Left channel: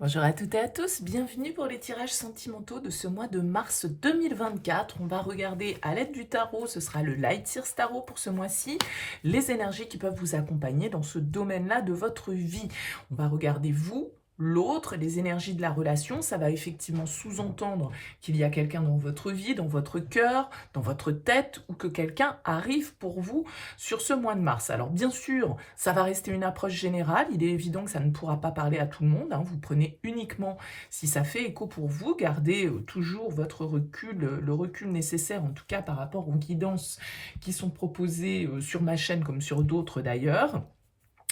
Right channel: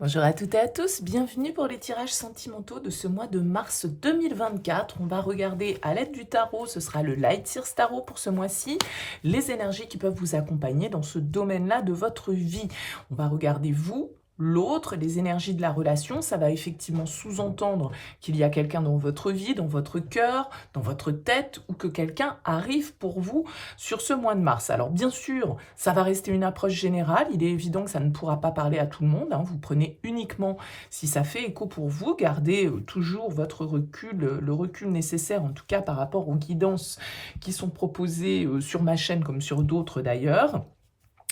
Bonjour à toutes et à tous, bienvenue pour les tirages sentimentaux de ce mois de mars 2024. On va regarder à l'aide du tarot, ce sera le Light Sears Tarot pour ce mois-ci, les énergies qui peuvent vous accompagner dans ce domaine-là de votre vie. On va regarder vous, l'autre, les énergies de la relation. Ça va effectivement sous-entendre qu'il y a quelqu'un dans votre vie, dans votre cœur, dans votre tête, ou que quelqu'un arrive pour vous sur ce mois de mars. Alors bien sûr, ça va rester une approche générale. Il est évident que ça ne pourra pas parler à tout le monde, hein. Vous prenez uniquement si ça fait écho pour vous. Gardez toujours votre recul, le recul nécessaire en tout cas par rapport aux guidances qui sont proposées sur ma chaîne comme sur d'autres d'ailleurs.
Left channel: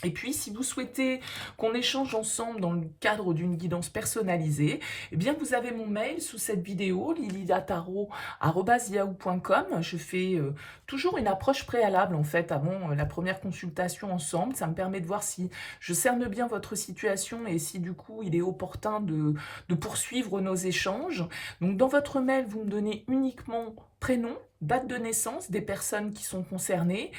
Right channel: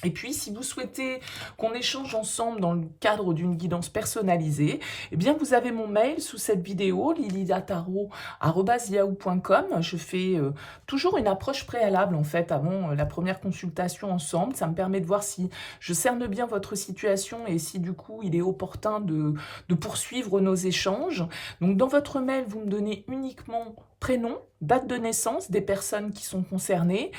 Et puis, si vous souhaitez qu'on échange ensemble dans le cadre d'une guidance personnalisée, eh bien, vous avez mon mail sous cette vidéo, lililataro@yahoo.com. Je fais toujours une approche préalable, en fait, avant la première consultation ensemble. Ça me permet de voir si je cerne bien votre situation et si, du coup, il est opportun de poursuivre nos échanges. Donc, dans votre mail, vous me donnez uniquement prénom, date de naissance des personnes qui sont concernées,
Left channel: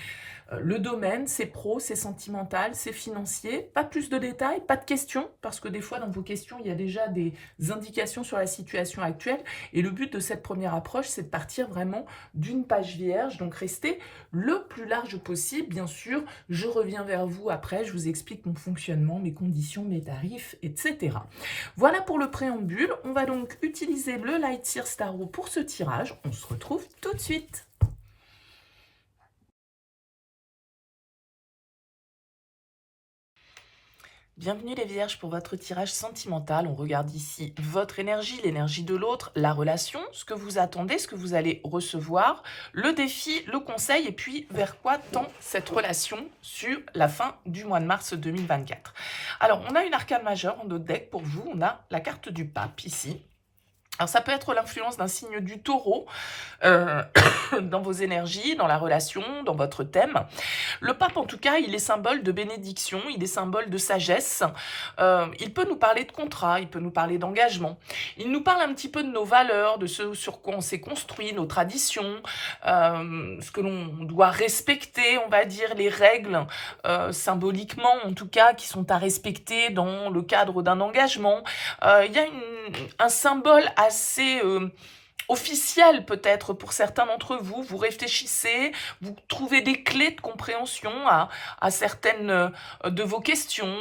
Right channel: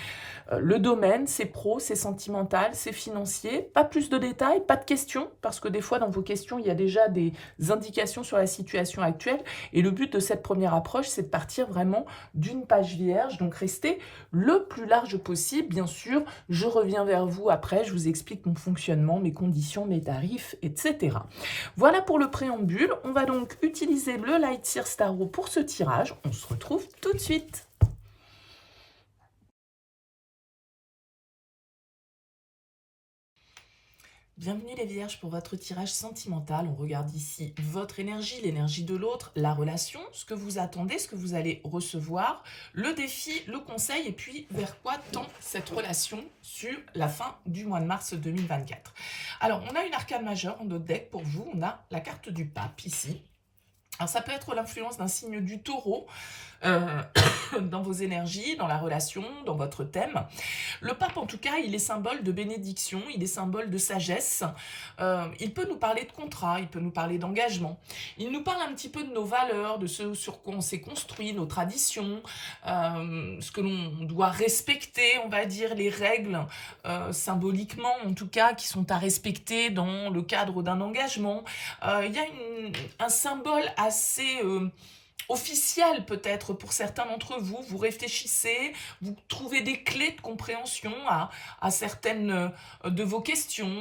le domaine, c'est pro, c'est sentimental, c'est financier. Pas plus de détails, pas de questions, parce que des fois dans vos questions, il y a déjà des indications sur la situation actuelle. Et le but de cette première approche, c'est de partir vraiment d'une page vierge, donc restez le plus large possible. Bien sûr, je reviens vers vous après, je vous explique mon fonctionnement, mes conditions, mes tarifs, etc. Voilà pour le préambule. On va donc utiliser le Light Sears Tarot pour ce tirage. On se retrouve tout de suite. Bienvenue les Vierges pour votre tirage sentimental. On regarde ici votre énergie, l'énergie de l'autre, la relation, ce que vous attendez, ce que vous allez recevoir, le défi, le conseil et puis vers quoi tend cette relation sur la fin du mois de mars 2024. Alors, on a une arcane majeure en notre deck pour vous. On a la carte du pape ici. Alors, ça peut être l'influence d'un signe du taureau euh, dans vos énergies, dans la relation, dans votre thème. Le pape, en tout cas, il est symbole de bénédiction, il est symbole de sagesse. Il peut nous parler de contrat, il peut nous parler d'engagement. Il nous parle un petit peu de nos valeurs, de ce sur quoi on s'est construit, nos traditions, ce que l'on doit respecter, on va dire, les règles, symboliquement, en tout cas, qui sont à respecter dans le cadre d'un engagement. Il y a un symbole assez officiel peut-être pour certains d'entre vous. Vous réfléchissez, vous trouvez des clés de compréhension à certaines de vos questions.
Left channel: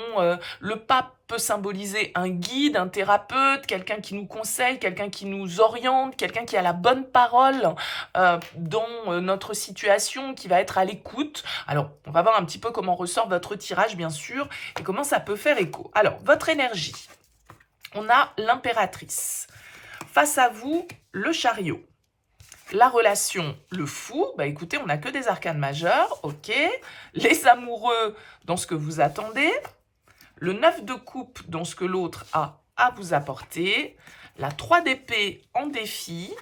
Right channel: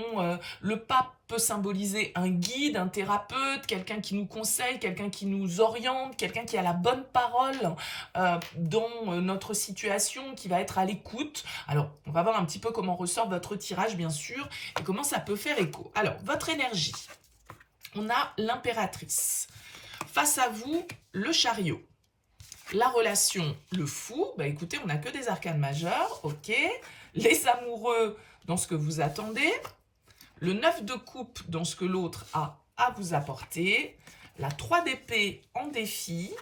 Le pape peut symboliser un guide, un thérapeute, quelqu'un qui nous conseille, quelqu'un qui nous oriente, quelqu'un qui a la bonne parole dans notre situation, qui va être à l'écoute. Alors, on va voir un petit peu comment ressort votre tirage, bien sûr, et comment ça peut faire écho. Alors, votre énergie. On a l'impératrice. Face à vous, le chariot. La relation, le fou. Bah écoutez, on n'a que des arcanes majeures, ok. Les amoureux, dans ce que vous attendez. Le 9 de coupe, dans ce que l'autre a à vous apporter. La 3 d'épée en défi.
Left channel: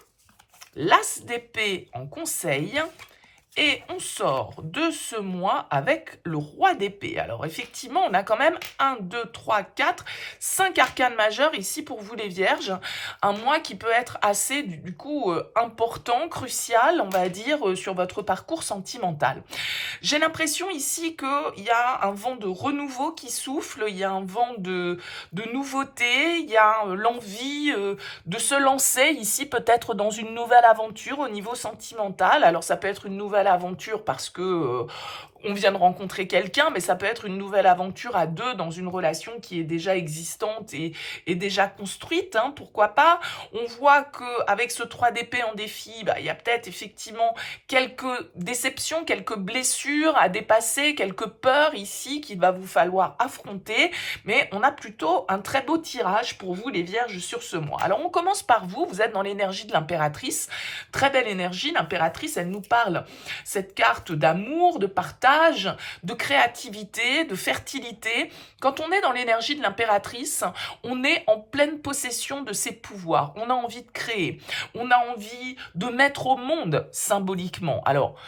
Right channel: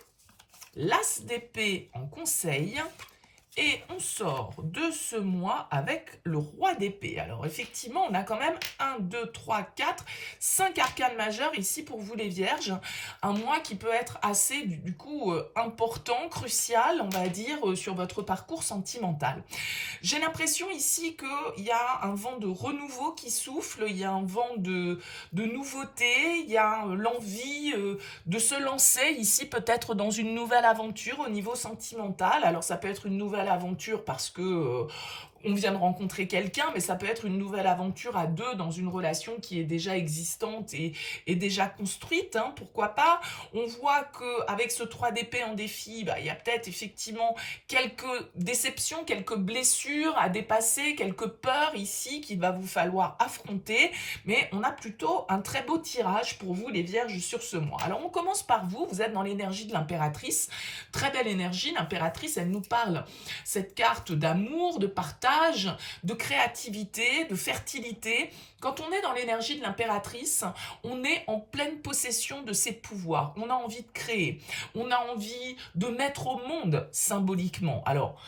L'as d'épée en conseil. Et on sort de ce mois avec le roi d'épée. Alors effectivement, on a quand même 1, 2, 3, 4, 5 arcanes majeures ici pour vous les vierges. Un mois qui peut être assez du coup important, crucial, on va dire, sur votre parcours sentimental. J'ai l'impression ici qu'il y a un vent de renouveau qui souffle, il y a un vent de nouveauté, il y a l'envie de se lancer ici peut-être dans une nouvelle aventure au niveau sentimental. Alors ça peut être une nouvelle aventure parce que on vient de rencontrer quelqu'un, mais ça peut être une nouvelle aventure à deux dans une relation qui est déjà existante et déjà construite, hein, pourquoi pas. On voit qu'avec ce 3 d'épée en défi, bah, il y a peut-être effectivement quelques déceptions, quelques blessures à dépasser, quelques peurs ici qu'il va vous falloir affronter, mais on a plutôt un très beau tirage pour vous les vierges sur ce mois. Alors on commence par vous, vous êtes dans l'énergie de l'impératrice, très belle énergie. L'impératrice, elle nous parle cette carte d'amour, de partage, de créativité, de fertilité. Quand on est dans l'énergie de l'impératrice, on est en pleine possession de ses pouvoirs. On a envie de créer, on a envie de mettre au monde symboliquement. Alors,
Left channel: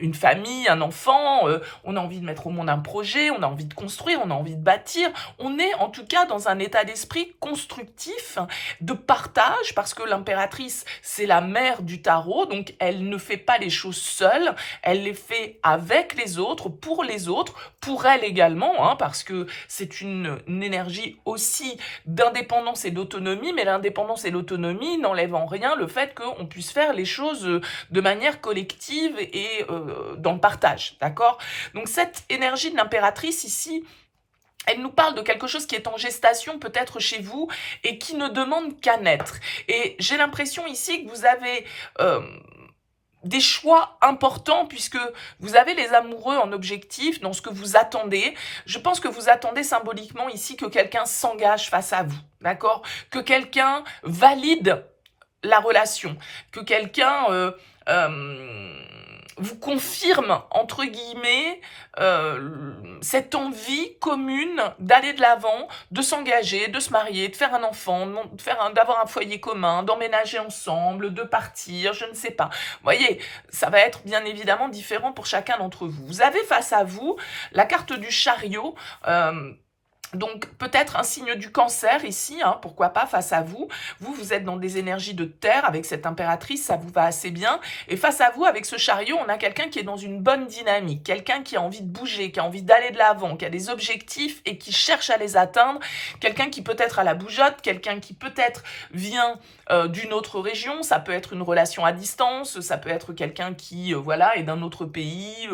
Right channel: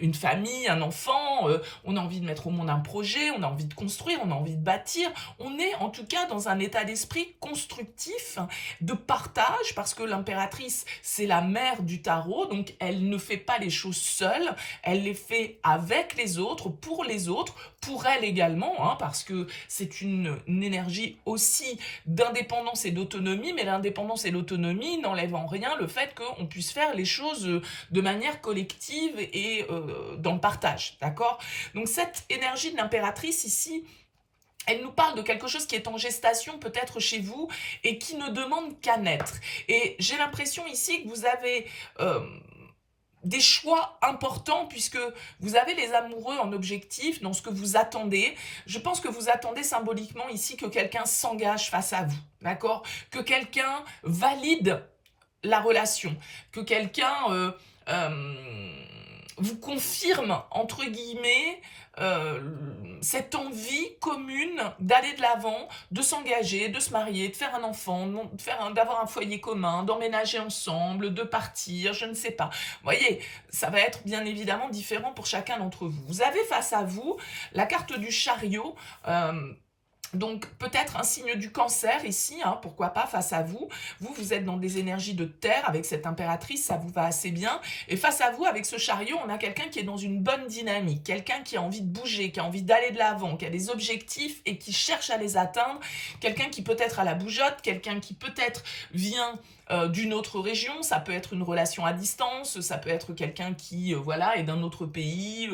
une famille, un enfant, on a envie de mettre au monde un projet, on a envie de construire, on a envie de bâtir. On est en tout cas dans un état d'esprit constructif, de partage, parce que l'impératrice, c'est la mère du tarot, donc elle ne fait pas les choses seule, elle les fait avec les autres. autres, pour elle également, hein, parce que c'est une énergie aussi d'indépendance et d'autonomie, mais l'indépendance et l'autonomie n'enlèvent en rien le fait qu'on puisse faire les choses de manière collective et dans le partage, d'accord? Donc cette énergie de l'impératrice ici, elle nous parle de quelque chose qui est en gestation peut-être chez vous et qui ne demande qu'à naître. Et j'ai l'impression ici que vous avez des choix importants puisque vous avez les amoureux en objectif dans ce que vous attendez. Je pense que vous attendez symboliquement ici que quelqu'un s'engage face à vous, d'accord? Que quelqu'un valide la relation, que quelqu'un vous confirme, entre guillemets, cette envie commune d'aller de l'avant, de s'engager, de se marier, de faire un enfant, d'avoir un foyer commun, d'emménager ensemble, de partir, je ne sais pas. Vous voyez, ça va être bien évidemment différent pour chacun d'entre vous. Vous avez face à vous la carte du chariot, donc peut-être un signe du cancer ici, hein, pourquoi pas face à vous. Vous êtes dans des énergies de terre avec cette impératrice, ça vous va assez bien. Et face à vous, avec ce chariot, on a quelqu'un qui est dans une bonne dynamique, quelqu'un qui a envie de bouger, qui a envie d'aller de l'avant, qui a des objectifs et qui cherche à les atteindre. Quelqu'un qui peut-être a la bougeotte, quelqu'un qui peut-être vient d'une autre région, ça peut être une relation à distance, ça peut être quelqu'un qui voilà, est d'un autre pays,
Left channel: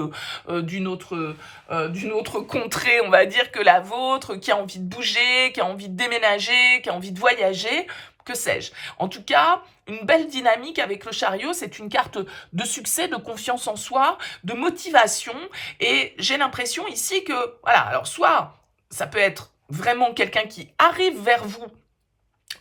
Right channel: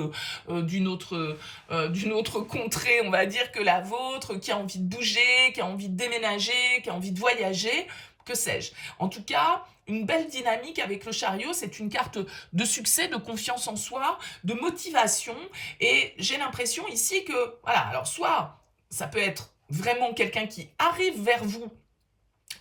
d'une autre contrée, on va dire, que la vôtre, qui a envie de bouger, qui a envie de déménager, qui a envie de voyager, que sais-je. En tout cas, une belle dynamique avec le chariot, c'est une carte de succès, de confiance en soi, de motivation, et j'ai l'impression ici que, voilà, alors soit ça peut être vraiment quelqu'un qui arrive vers vous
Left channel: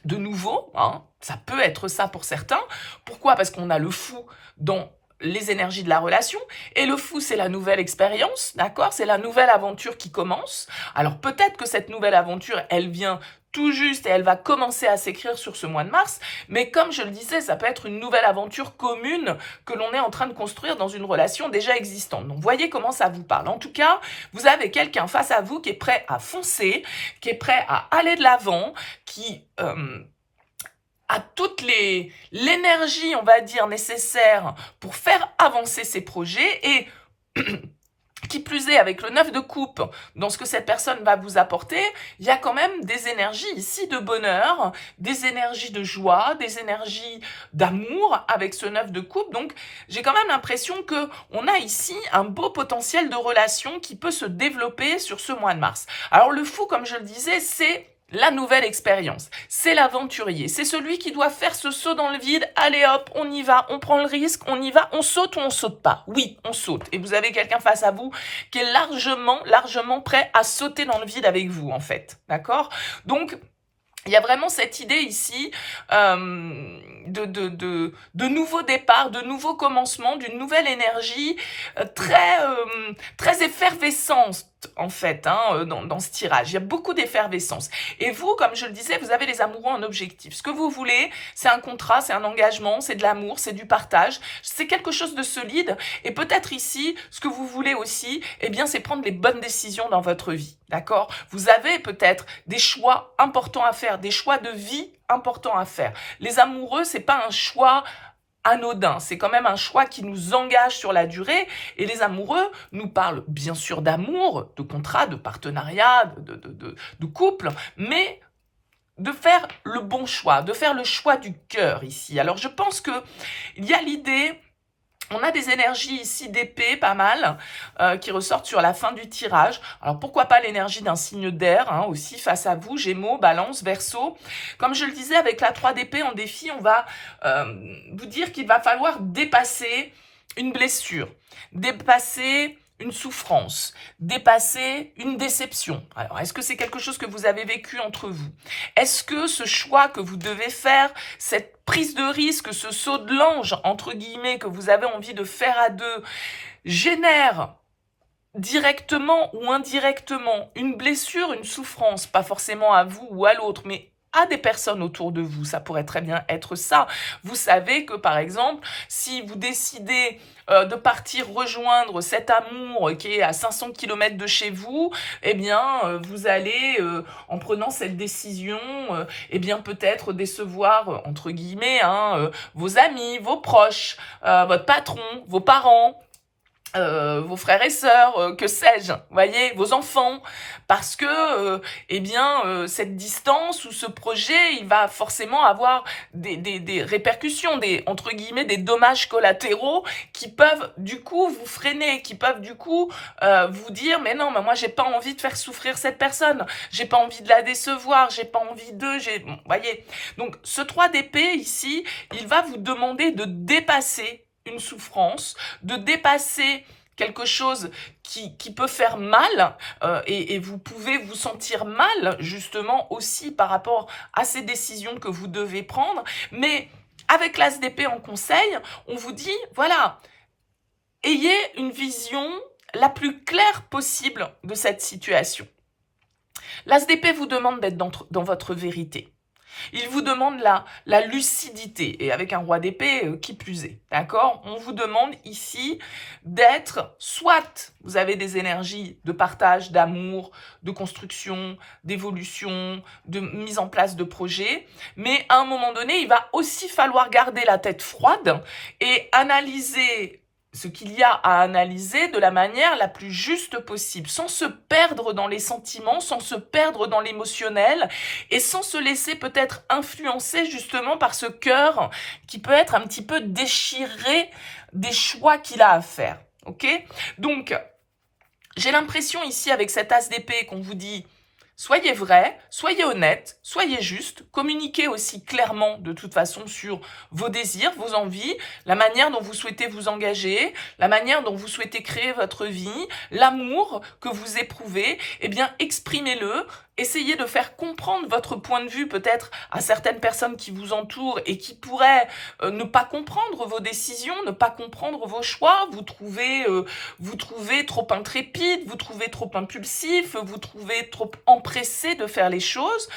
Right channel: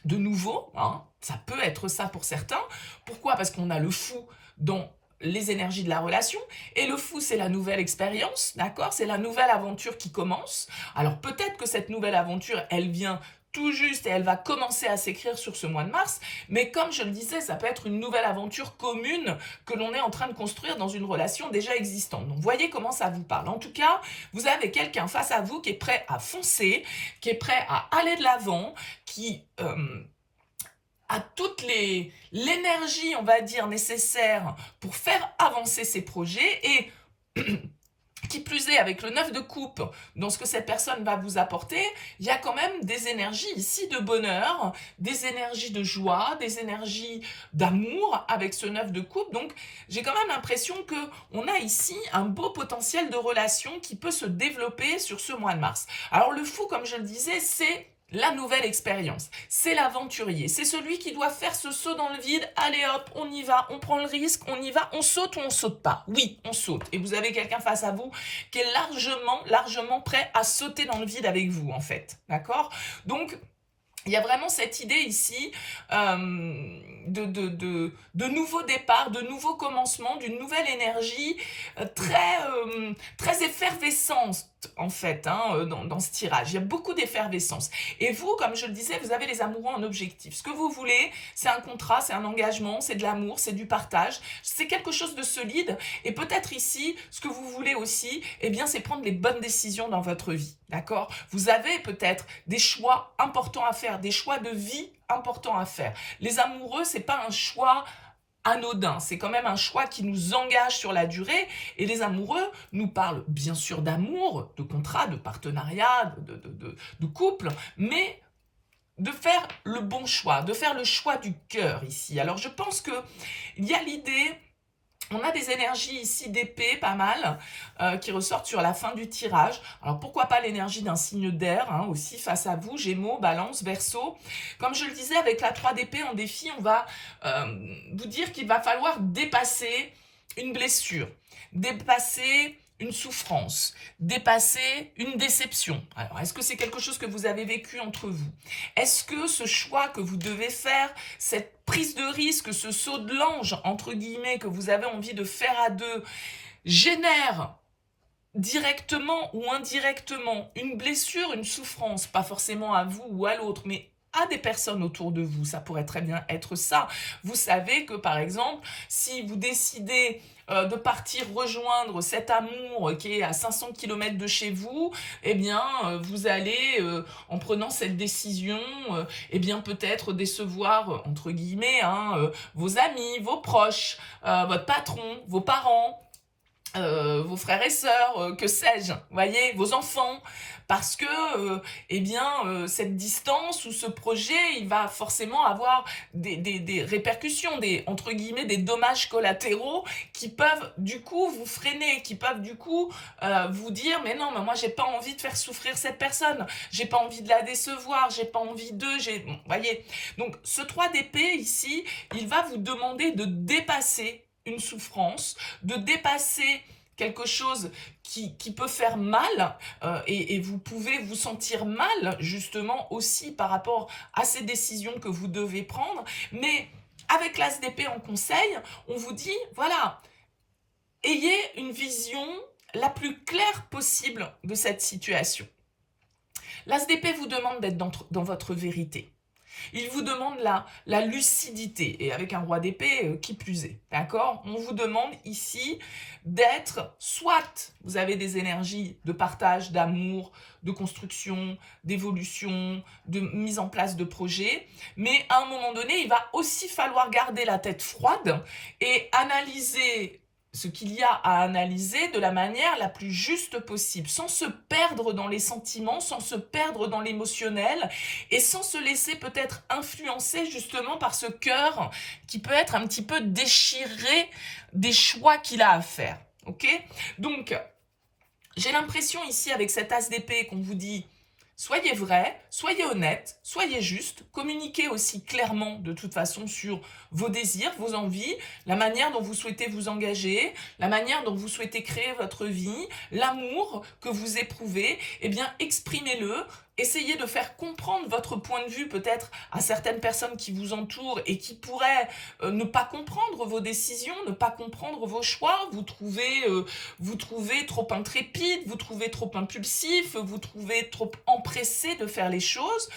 de nouveau, hein, ça peut être ça pour certains. Pourquoi? Parce qu'on a le fou dans les énergies de la relation, et le fou, c'est la nouvelle expérience, d'accord? C'est la nouvelle aventure qui commence. Alors peut-être que cette nouvelle aventure, elle vient tout juste et elle va commencer à s'écrire sur ce mois de mars, mais comme je le disais, ça peut être une nouvelle aventure commune que l'on est en train de construire dans une relation déjà existante. Donc voyez comment ça vous parle. En tout cas, vous avez quelqu'un face à vous qui est prêt à foncer, qui est prêt à aller de l'avant, qui a toute l'énergie, on va dire, nécessaire pour faire avancer ses projets, et qui plus est, avec le 9 de coupe, dans ce que cette personne va vous apporter, il y a quand même des énergies ici de bonheur, des énergies de joie, des énergies d'amour avec ce 9 de coupe. Donc, j'ai quand même l'impression qu'on a ici un beau potentiel de relation qui peut se développer sur ce mois de mars. Alors, le fou, comme je le disais, c'est la nouvelle expérience, c'est l'aventurier, c'est celui qui doit faire ce saut dans le vide. Allez hop, on y va, on prend le risque, on y va, on saute ou on saute pas? Oui, on saute. Et vous avez quelqu'un face à vous qui est largement prêt à sauter dans le vide avec vous, en fait. D'accord? Donc, il y a vraiment cette idée ici de nouveaux départs, de nouveaux commencements, d'une nouvelle énergie très effervescente, en fait, hein, dans ce tirage. Il y a beaucoup d'effervescence. Et vous, comme je le disais, vous avez les amoureux en objectif. Ce que vous voulez, c'est un contrat, c'est un engagement, c'est de l'amour, c'est du partage, c'est quelque chose de solide. Et peut-être ici, ce que vous voulez aussi, eh bien, c'est prendre les bonnes décisions dans votre vie. D'accord? Vous avez peut-être des choix importants à faire, des choix de vie importants à faire. Les amoureux, c'est pas un choix anodin, c'est quand même un choix qui nous engage sur la durée, et les amoureux nous parlent bien sûr d'amour, de contrat, de partenariat, de couple, mais de faire le bon choix, de faire le choix du cœur ici. Alors je pense que il y a l'idée. On a des énergies ici d'épée, pas mal, qui ressortent sur la fin du tirage. Alors pourquoi pas l'énergie d'un signe d'air, hein, aussi face à vous, Gémeaux, Balance, Verseau. Comme je le disais, avec la 3 d'épée en défi, on va vous dire qu'il va falloir dépasser une blessure, dépasser une souffrance, dépasser une déception. Alors, est-ce que c'est quelque chose que vous avez vécu entre vous? Est-ce que ce choix que vous devez faire, cette prise de risque, ce saut de l'ange, entre guillemets, que vous avez envie de faire à deux, génère directement ou indirectement une blessure, une souffrance, pas forcément à vous ou à l'autre, mais à des personnes autour de vous? Ça pourrait très bien être ça. Vous savez que, par exemple, si vous décidez de partir rejoindre cet amour qui est à 500 km de chez vous, eh bien, vous allez, en prenant cette décision, eh bien, peut-être décevoir, entre guillemets, hein, vos amis, vos proches, votre patron, vos parents. vos frères et sœurs, que sais-je, voyez, vos enfants, parce que, eh bien, cette distance ou ce projet, il va forcément avoir des répercussions, entre guillemets, des dommages collatéraux qui peuvent du coup vous freiner, qui peuvent du coup vous dire, mais non, mais moi j'ai pas envie de faire souffrir cette personne, j'ai pas envie de la décevoir, j'ai pas envie d'eux, bon, voyez. Donc ce 3 d'épée ici, il va vous demander de dépasser une souffrance, de dépasser quelque chose qui peut faire mal, et vous pouvez vous sentir mal justement aussi par rapport à ces décisions que vous devez prendre, mais avec l'As d'épée en conseil, on vous dit, voilà, ayez une vision la plus claire possible de cette situation. L'As d'épée vous demande d'être dans votre vérité. Il vous demande la lucidité, et avec un roi d'épée, qui plus est, d'accord? On vous demande ici d'être, soit vous avez des énergies de partage, d'amour, de construction, d'évolution, de mise en place de projets, mais à un moment donné, il va aussi falloir garder la tête froide et analyser ce qu'il y a à analyser de la manière la plus juste possible, sans se perdre dans les sentiments, sans se perdre dans l'émotionnel, et sans se laisser peut-être influencer justement par ce cœur qui peut être un petit peu déchiré des choix qu'il a à faire. Ok? Donc, j'ai l'impression ici avec cet as d'épée qu'on vous dit soyez vrai, soyez honnête, soyez juste, communiquez aussi clairement de toute façon sur vos désirs, vos envies, la manière dont vous souhaitez vous engager, la manière dont vous souhaitez créer votre vie, l'amour que vous éprouvez, eh bien exprimez-le, essayez de faire comprendre votre point de vue peut-être à certaines personnes qui vous entourent et qui pourraient ne pas comprendre vos décisions, ne pas comprendre vos choix, vous trouvez trop intrépide, vous trouvez trop impulsif, vous trouvez trop empressé de faire les choses.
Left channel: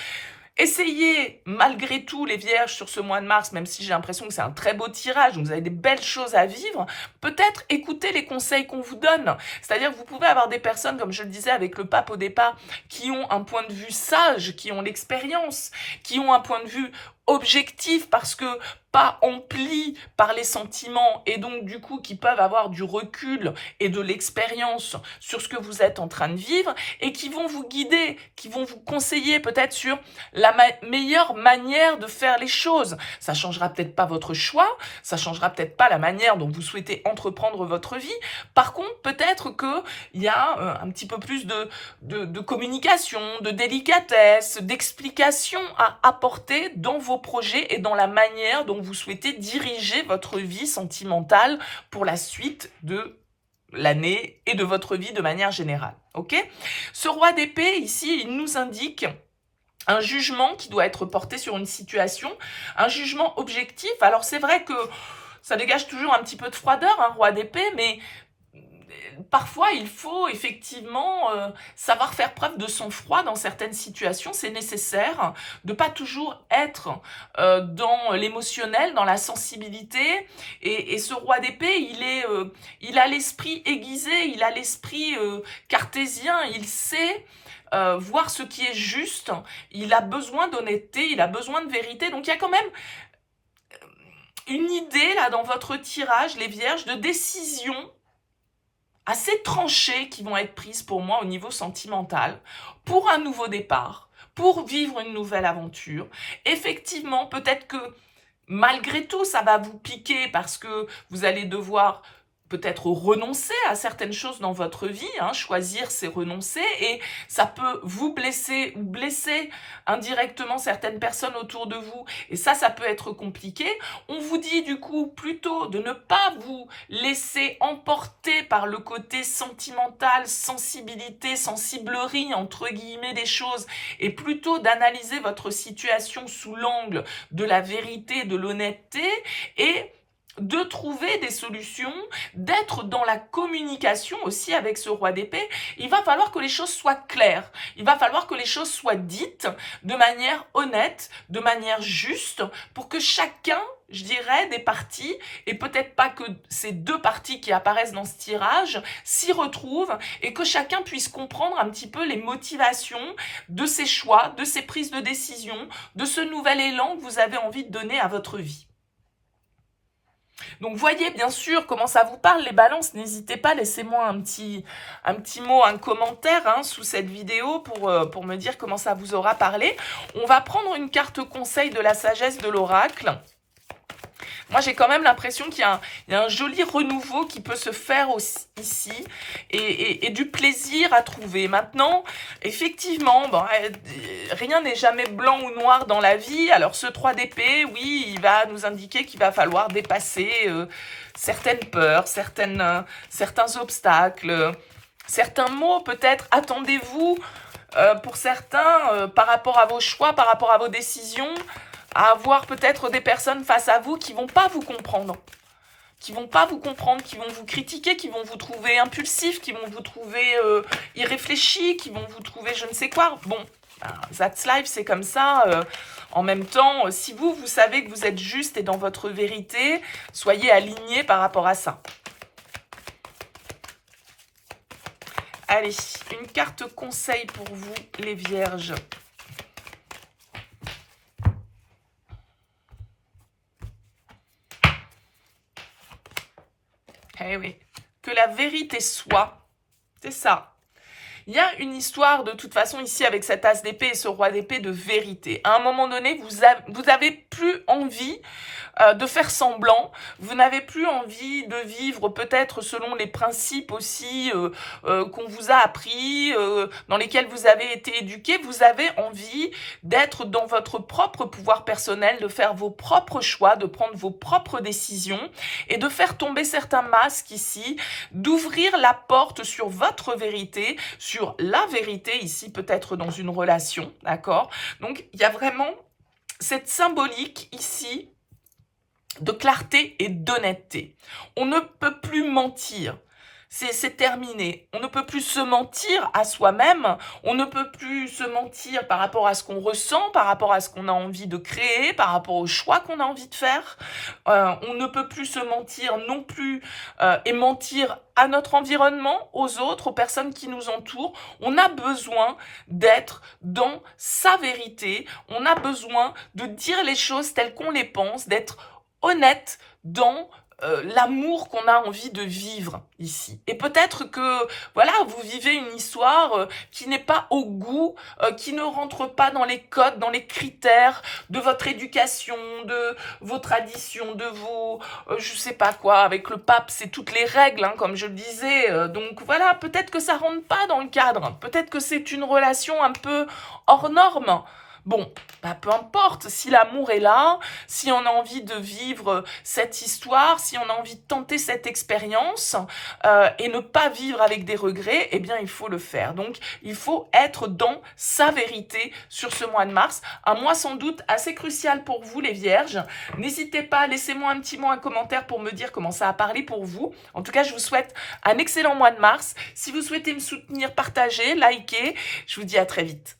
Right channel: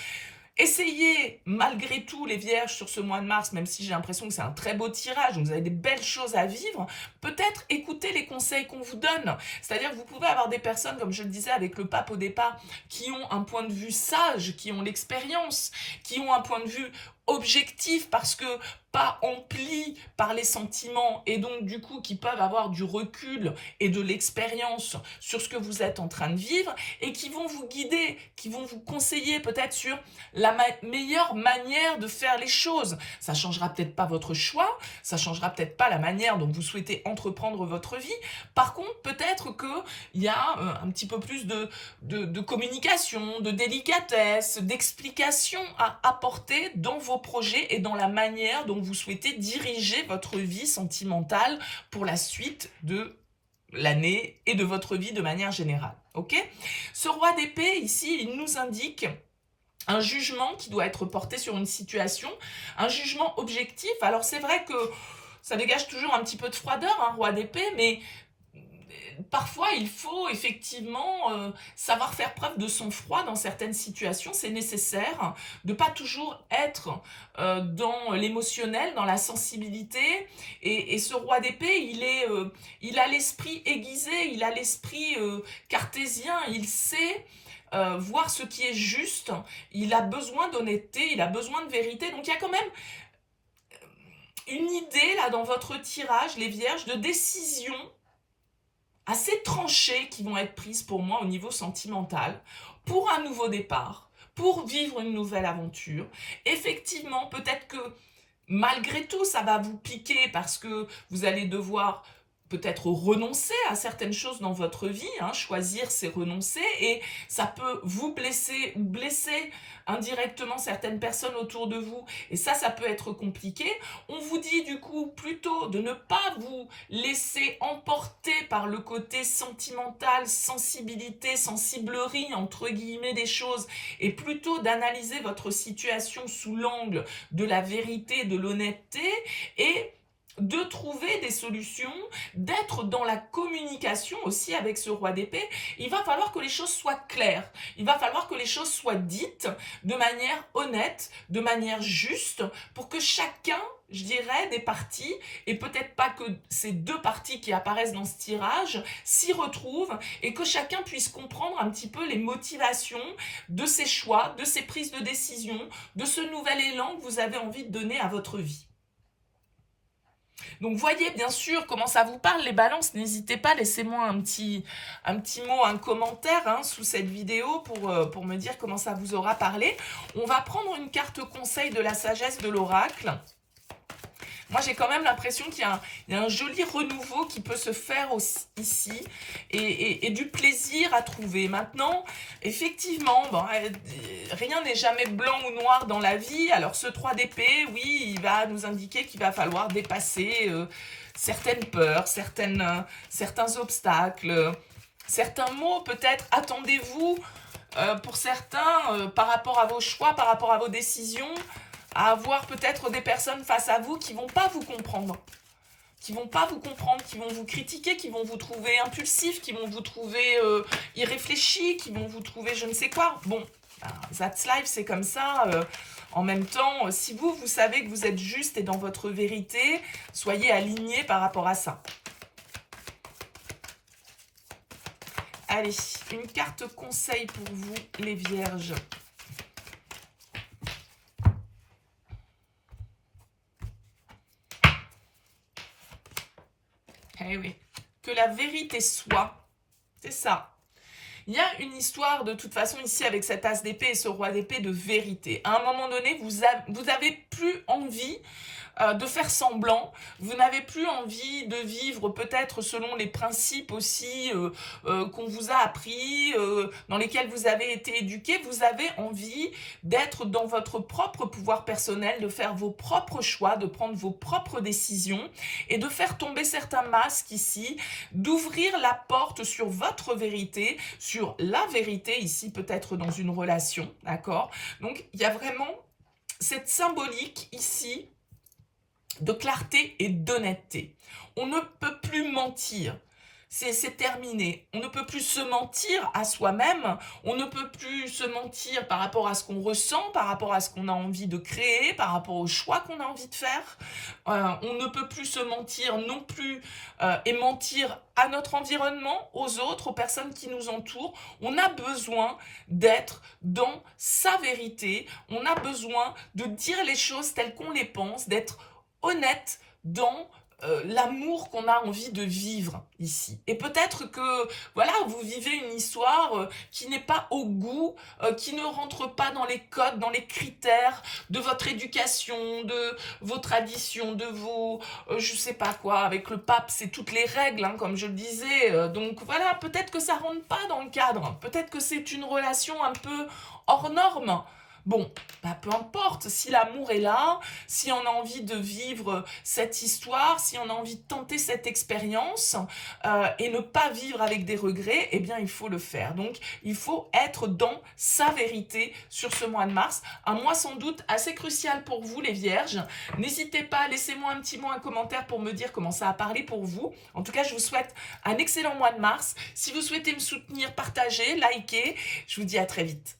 Essayez, malgré tout, les vierges, sur ce mois de mars, même si j'ai l'impression que c'est un très beau tirage, donc vous avez des belles choses à vivre, peut-être écoutez les conseils qu'on vous donne. C'est-à-dire que vous pouvez avoir des personnes, comme je le disais avec le pape au départ, qui ont un point de vue sage, qui ont l'expérience, qui ont un point de vue objectif parce que pas emplis par les sentiments et donc du coup qui peuvent avoir du recul et de l'expérience sur ce que vous êtes en train de vivre et qui vont vous guider, qui vont vous conseiller peut-être sur la meilleure manière de faire les choses. Ça changera peut-être pas votre choix, ça changera peut-être pas la manière dont vous souhaitez entreprendre votre vie. Par contre, peut-être qu'il y a un petit peu plus de communication, de délicatesse, d'explication à apporter dans vos projets et dans la manière dont vous souhaitez diriger votre vie sentimentale pour la suite de l'année et de votre vie de manière générale. Ok ? Ce roi d'épée, ici, il nous indique un jugement qui doit être porté sur une situation, un jugement objectif. Alors c'est vrai que ça dégage toujours un petit peu de froideur, un roi d'épée, mais parfois il faut effectivement savoir faire preuve de sang-froid dans certaines situations, c'est nécessaire de pas toujours être dans l'émotionnel, dans la sensibilité, et ce roi d'épée, il a l'esprit aiguisé, il a l'esprit cartésien, il sait voir ce qui est juste, il a besoin d'honnêteté, il a besoin de vérité, donc il y a quand même une idée là dans votre tirage, les vierges, de décision assez tranchées qui vont être prises pour moi au niveau sentimental, pour un nouveau départ, pour vivre une nouvelle aventure. Effectivement, peut-être que malgré tout, ça va vous piquer parce que vous allez devoir peut-être renoncer à certaines choses dans votre vie, hein, choisir c'est renoncer, et ça peut vous blesser ou blesser indirectement certaines personnes autour de vous, et ça peut être compliqué. On vous dit du coup plutôt de ne pas vous laisser emporter par le côté sentimental, sensibilité, sensiblerie entre guillemets des choses, et plutôt d'analyser votre situation sous l'angle de la vérité, de l'honnêteté, et de trouver des solutions, d'être dans la communication aussi avec ce roi d'épée. Il va falloir que les choses soient claires, il va falloir que les choses soient dites de manière honnête, de manière juste, pour que chacun, je dirais, des parties, et peut-être pas que ces deux parties qui apparaissent dans ce tirage, s'y retrouvent, et que chacun puisse comprendre un petit peu les motivations de ses choix, de ses prises de décision, de ce nouvel élan que vous avez envie de donner à votre vie. Donc, voyez bien sûr comment ça vous parle, les balances. N'hésitez pas, laissez-moi un petit mot, un commentaire hein, sous cette vidéo pour me dire comment ça vous aura parlé. On va prendre une carte conseil de la sagesse de l'oracle. Moi, j'ai quand même l'impression qu'il y a un joli renouveau qui peut se faire aussi, ici et du plaisir à trouver. Maintenant, effectivement, bon, rien n'est jamais blanc ou noir dans la vie. Alors, ce 3 d'épée, oui, il va nous indiquer qu'il va falloir dépasser certaines peurs, certains obstacles, certains mots peut-être. Attendez-vous, pour certains, par rapport à vos choix, par rapport à vos décisions, à avoir peut-être des personnes face à vous qui vont pas vous comprendre, qui vont vous critiquer, qui vont vous trouver impulsif, qui vont vous trouver irréfléchi, qui vont vous trouver je ne sais quoi. Bon, that's life, c'est comme ça. En même temps, si vous savez que vous êtes juste et dans votre vérité, soyez alignés par rapport à ça. Allez, une carte conseil pour vous, les vierges. Eh oui, que la vérité soit, c'est ça. Il y a une histoire de toute façon ici avec cet as d'épée et ce roi d'épée de vérité. À un moment donné, vous avez plus envie de faire semblant, vous n'avez plus envie de vivre peut-être selon les principes aussi qu'on vous a appris, dans lesquels vous avez été éduqué. Vous avez envie d'être dans votre propre pouvoir personnel, de faire vos propres choix, de prendre vos propres décisions et de faire tomber certains masques ici, d'ouvrir la porte sur votre vérité, sur la vérité ici peut-être dans une relation, d'accord? Donc il y a vraiment cette symbolique ici de clarté et d'honnêteté. On ne peut plus mentir. C'est terminé. On ne peut plus se mentir à soi-même. On ne peut plus se mentir par rapport à ce qu'on ressent, par rapport à ce qu'on a envie de créer, par rapport aux choix qu'on a envie de faire. On ne peut plus se mentir non plus et mentir à notre environnement, aux autres, aux personnes qui nous entourent. On a besoin d'être dans sa vérité. On a besoin de dire les choses telles qu'on les pense, d'être honnête dans l'amour qu'on a envie de vivre ici. Et peut-être que, voilà, vous vivez une histoire qui n'est pas au goût, qui ne rentre pas dans les codes, dans les critères de votre éducation, de vos traditions, de vos, je sais pas quoi, avec le pape, c'est toutes les règles, hein, comme je le disais. Donc voilà, peut-être que ça rentre pas dans le cadre. Peut-être que c'est une relation un peu hors norme. Bon, bah peu importe, si l'amour est là, si on a envie de vivre cette histoire, si on a envie de tenter cette expérience et ne pas vivre avec des regrets, eh bien il faut le faire. Donc il faut être dans sa vérité sur ce mois de mars, un mois sans doute assez crucial pour vous les vierges. N'hésitez pas, laissez-moi un petit mot, un commentaire pour me dire comment ça a parlé pour vous. En tout cas, je vous souhaite un excellent mois de mars. Si vous souhaitez me soutenir, partagez, likez. Je vous dis à très vite.